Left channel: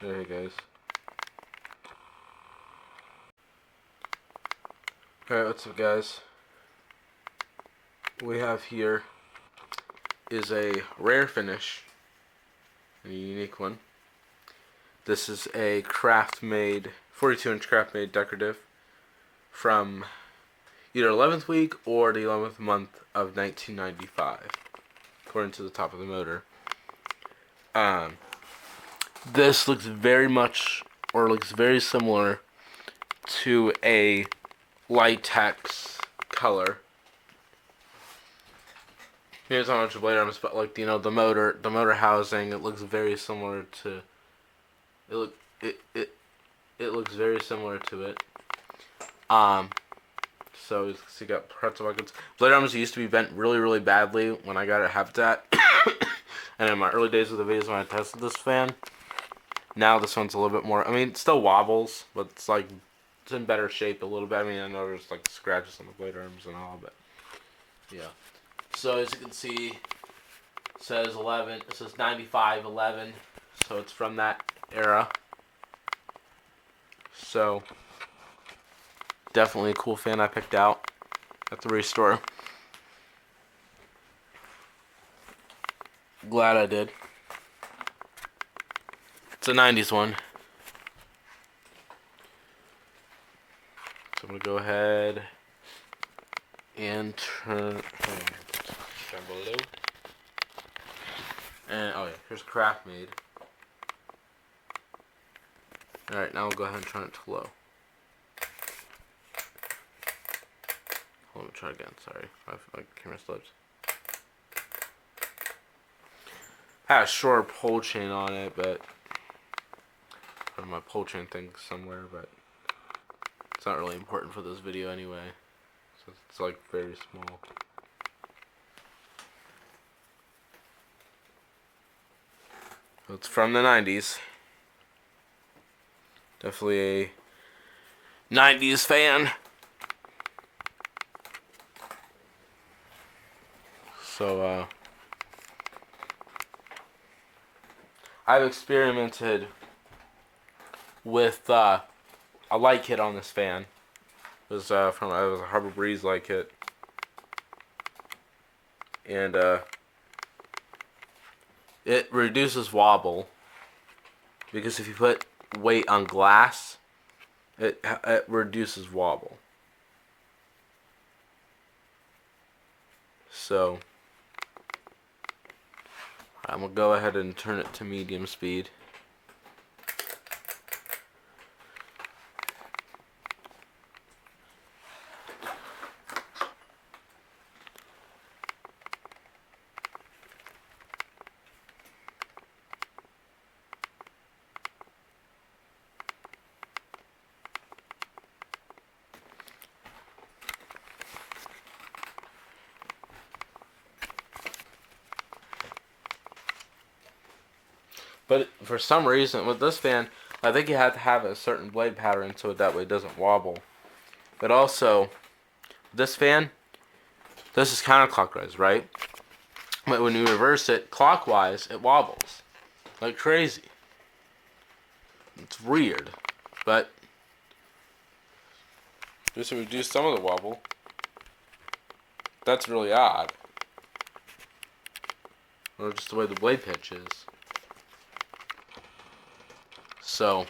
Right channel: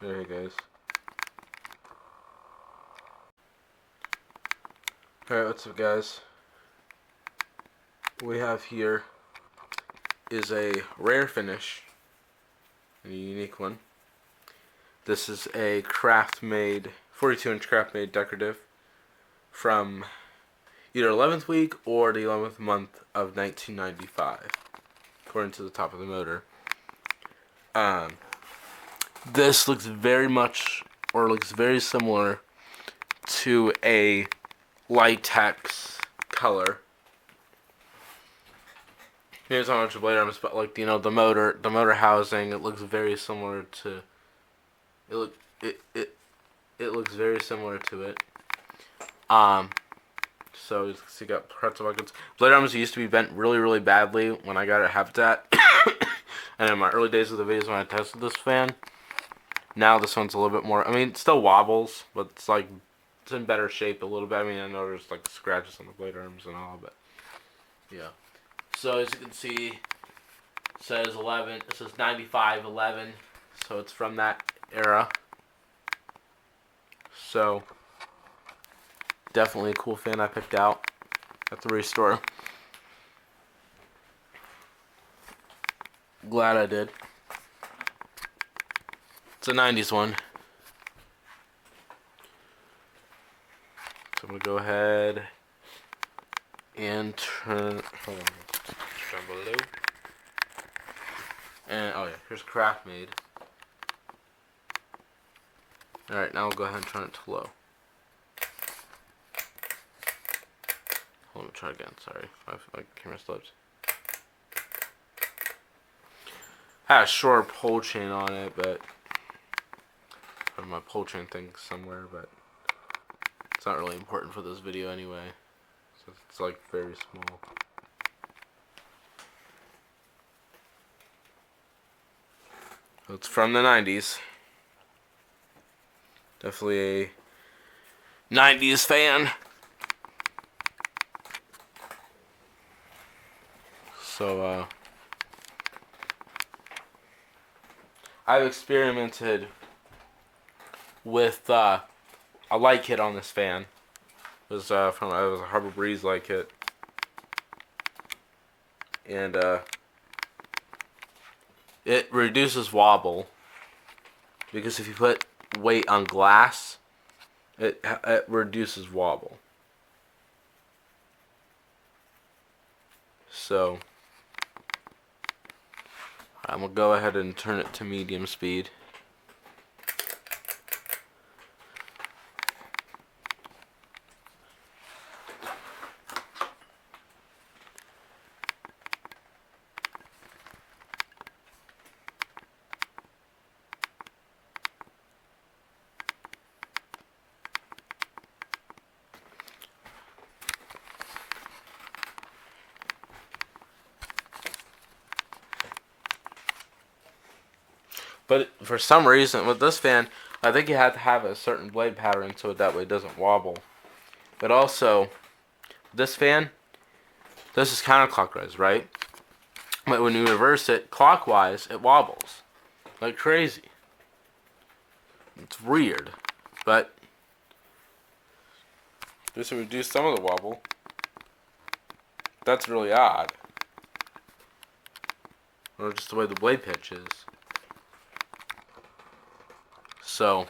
There you guys. Alright, what's up guys? What we have here is a rare finish. A unique one. This is a Craftmade, 42-inch Craftmade Decorative from either 11th week or the 11th month of 1995, according to the top of the motor. This looks very much, or looks very similar to a latex color. Here's how much the blade arms, but like, you know, the motor housing, it looks very similar to. It looks very similar to it. So you see, got pretzel buckets. Blade arms used to be bent really badly when I got it at Habitat, and in my early days of the videos when I tested this fan. Now this one's a little bit more. I mean, it still wobbles, but it's like it's in better shape a little bit. I mean, I know there's like scratches on the blade arms and all, but yeah. So as you can see, it says 11. It says 95-11, so it's from that era. So definitely a cool fan I picked out at the restore. Glad I did. It's a 90s one. So I'm going to go ahead and turn below. And oh yeah, here's Craftmade. Alright, now we'll go ahead and turn it to low. Let me try again, sorry. I feel like the camera slipped. I had a short pole chain on it, but my pole chain thing somewhere, but it's not really important for this video anyway. So it's like very small. So it's from the 90s. Definitely a 90s fan. So I've experimented with a light kit on this fan. It was a Harbor Breeze light kit, and it reduces wobble because if you put weight on glass, it reduces wobble. So I'm gonna go ahead and turn it to medium speed. But for some reason, with this fan, I think you have to have a certain blade pattern so that way it doesn't wobble. But also, this fan, this is counterclockwise, right? But when you reverse it clockwise, it wobbles like crazy. It's weird, but just to reduce some of the wobble, that's really odd. Or just the way the blade pitch is. So,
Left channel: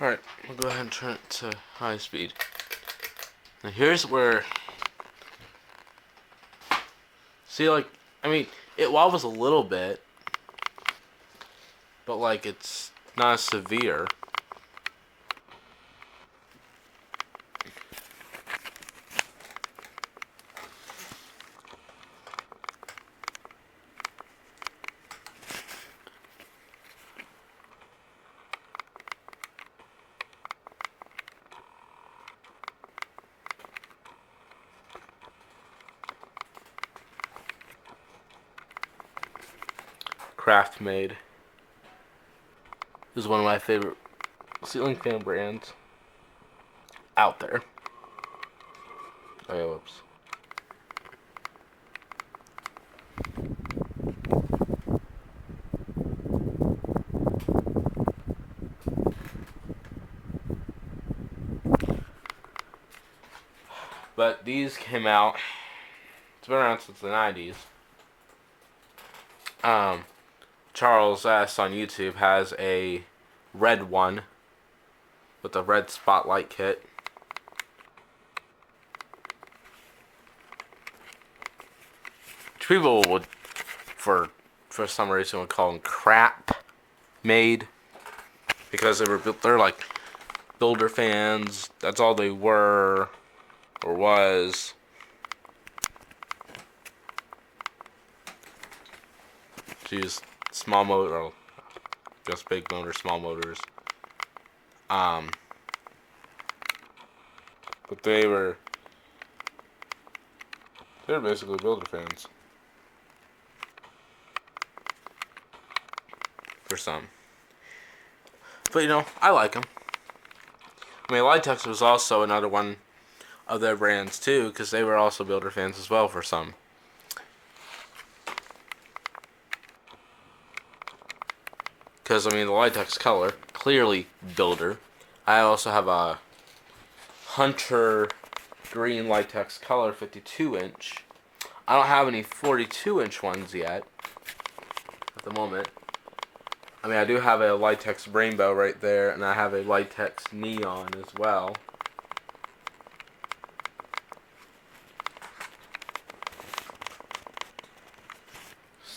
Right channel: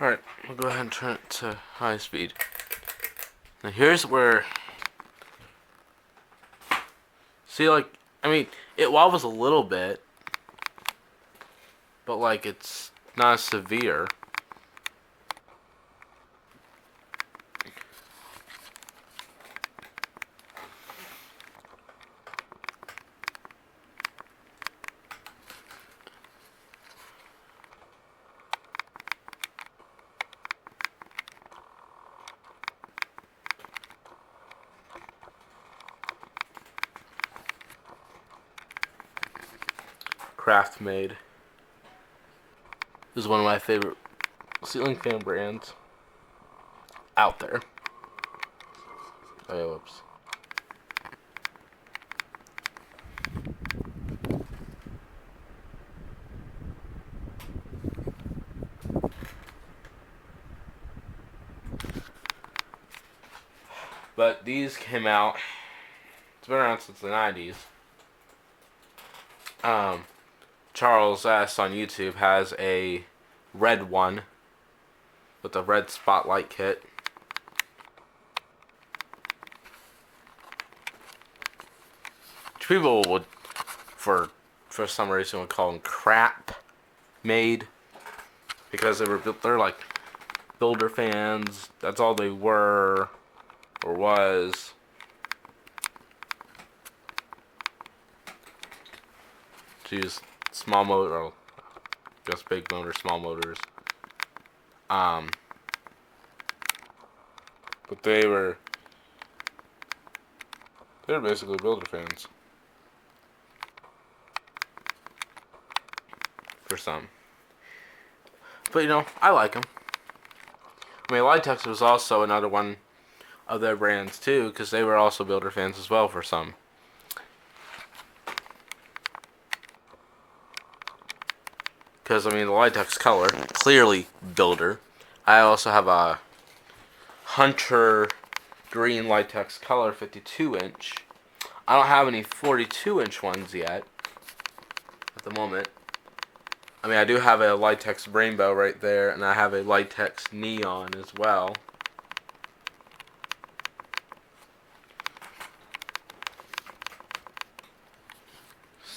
alright, we'll go ahead and turn it to high speed. Now here's where, see, like, I mean, it wobbles a little bit, but like it's not as severe. Craftmade is one of my favorite ceiling fan brands out there. Oh yeah, whoops. But these came out. It's been around since the 90s. Charles S on YouTube has a red one with a red spotlight kit. Which people would, for some reason, would call them Craftmade, because they're like builder fans. That's all they were or was. Use small motor, or just big motor, small motors. But they're basically builder fans. For some. But you know, I like them. I mean, Litex was also another one of their brands too, because they were also builder fans as well for some. Because, I mean, the Litex color, clearly builder. I also have a Hunter green Litex color 52-inch. I don't have any 42-inch ones yet at the moment. I mean, I do have a Litex rainbow right there, and I have a Litex neon as well.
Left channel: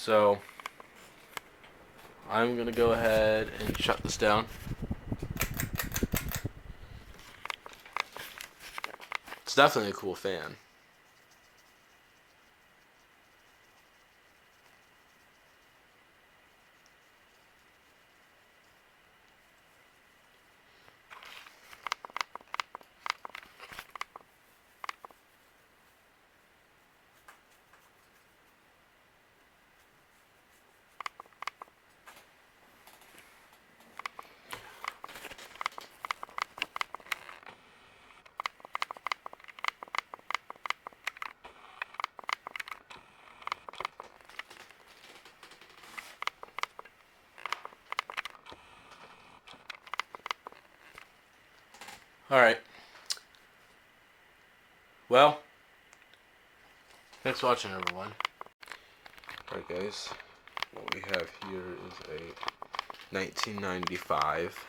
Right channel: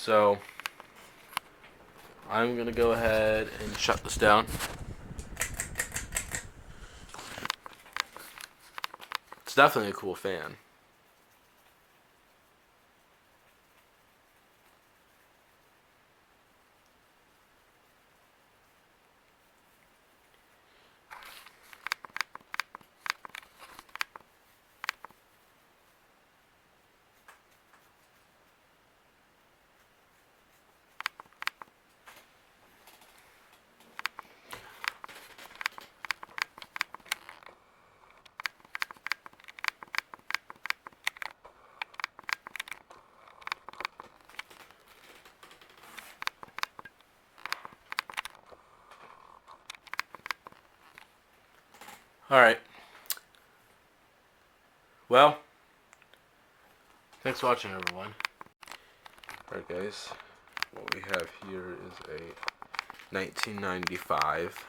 So, I'm going to go ahead and shut this down. It's definitely a cool fan. Alright. Well, thanks for watching, everyone. Alright, guys. What we have here is a 1995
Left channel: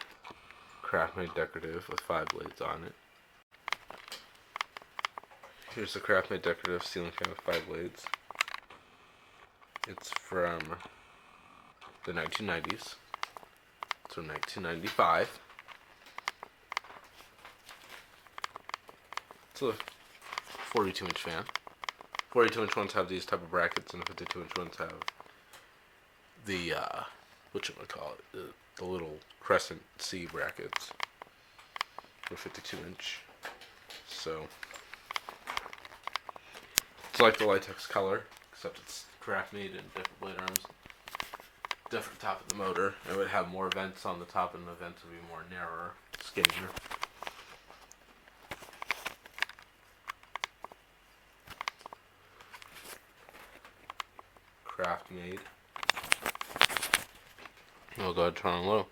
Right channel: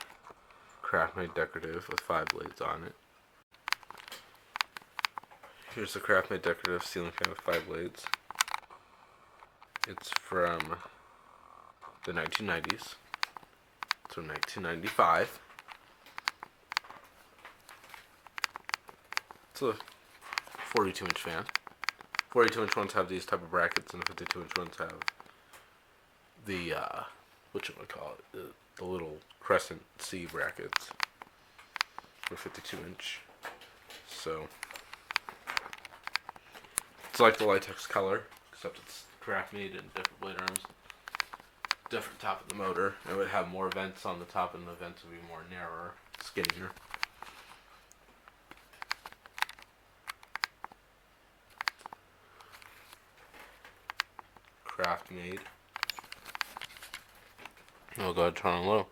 Craftmade Decorative with 5 blades on it. Here's the Craftmade Decorative ceiling fan with 5 blades. It's from the 1990s. It's from 1995. It's a 42-inch fan. 42-inch ones have these type of brackets, and the 52-inch ones have the, whatchamacallit, the little crescent C brackets for 52-inch. So, it's like the Litex color, except it's Craftmade and different blade arms. Different top of the motor. It would have more vents on the top, and the vents would be more narrower, skinnier. Craftmade. I'll go ahead and turn on low.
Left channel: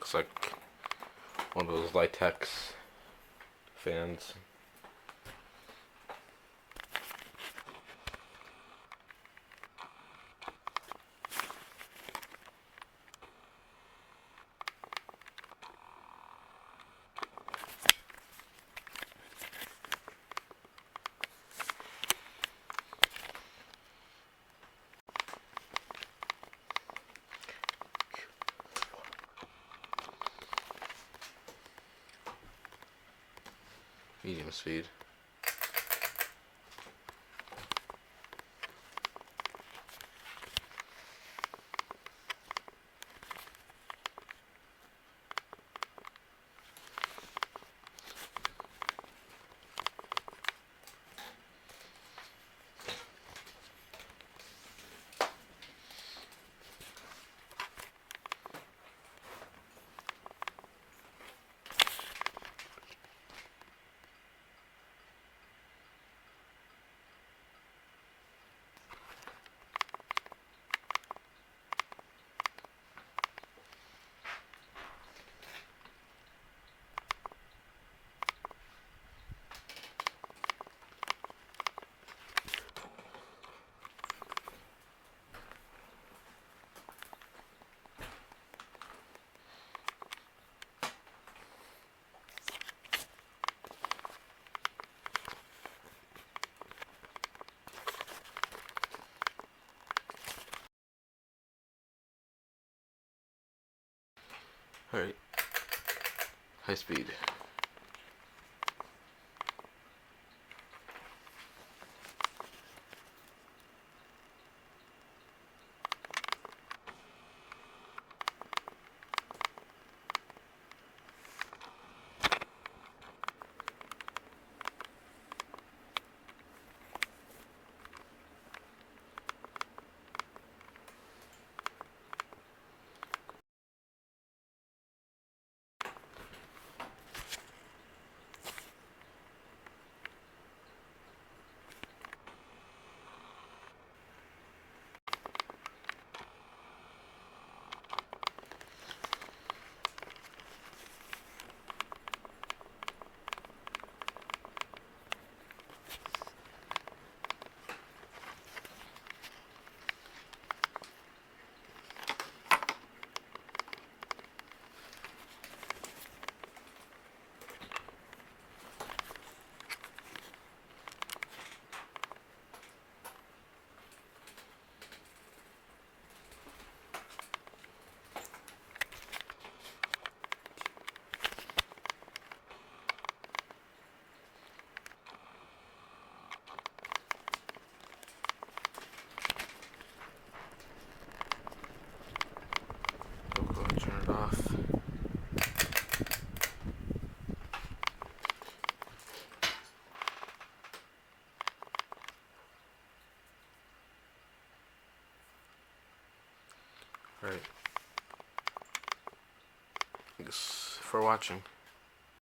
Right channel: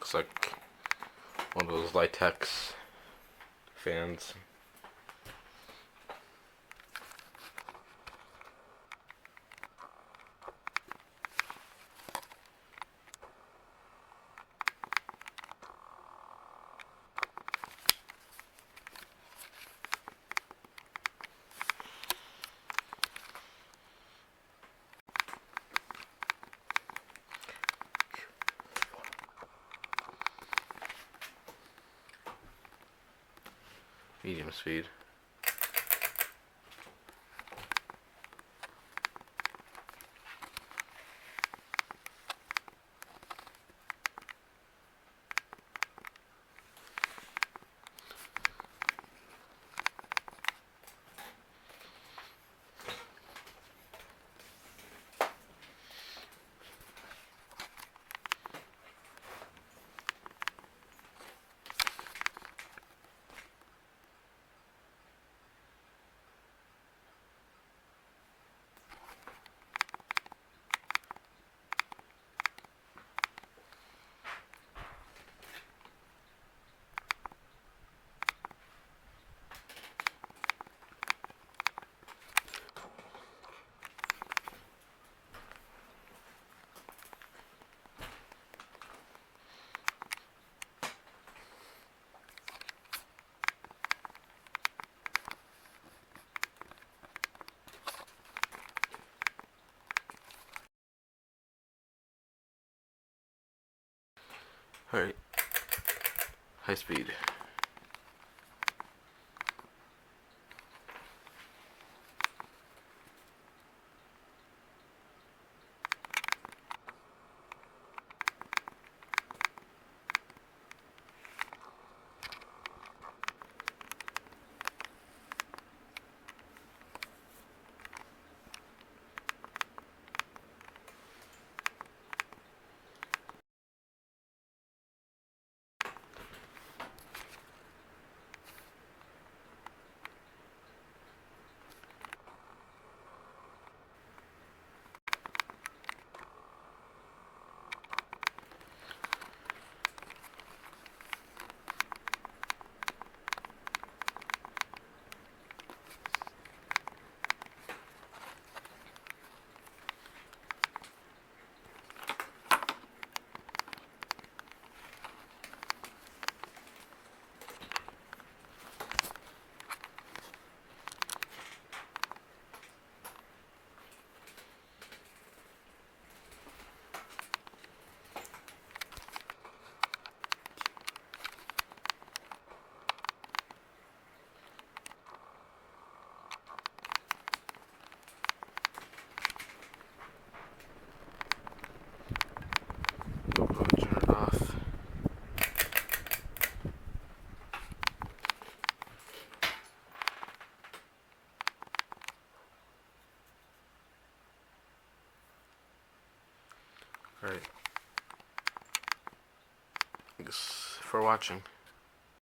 Looks like one of those Litex fans. medium speed. Alright. High speed. Turn it off. Alright. Thanks for watching.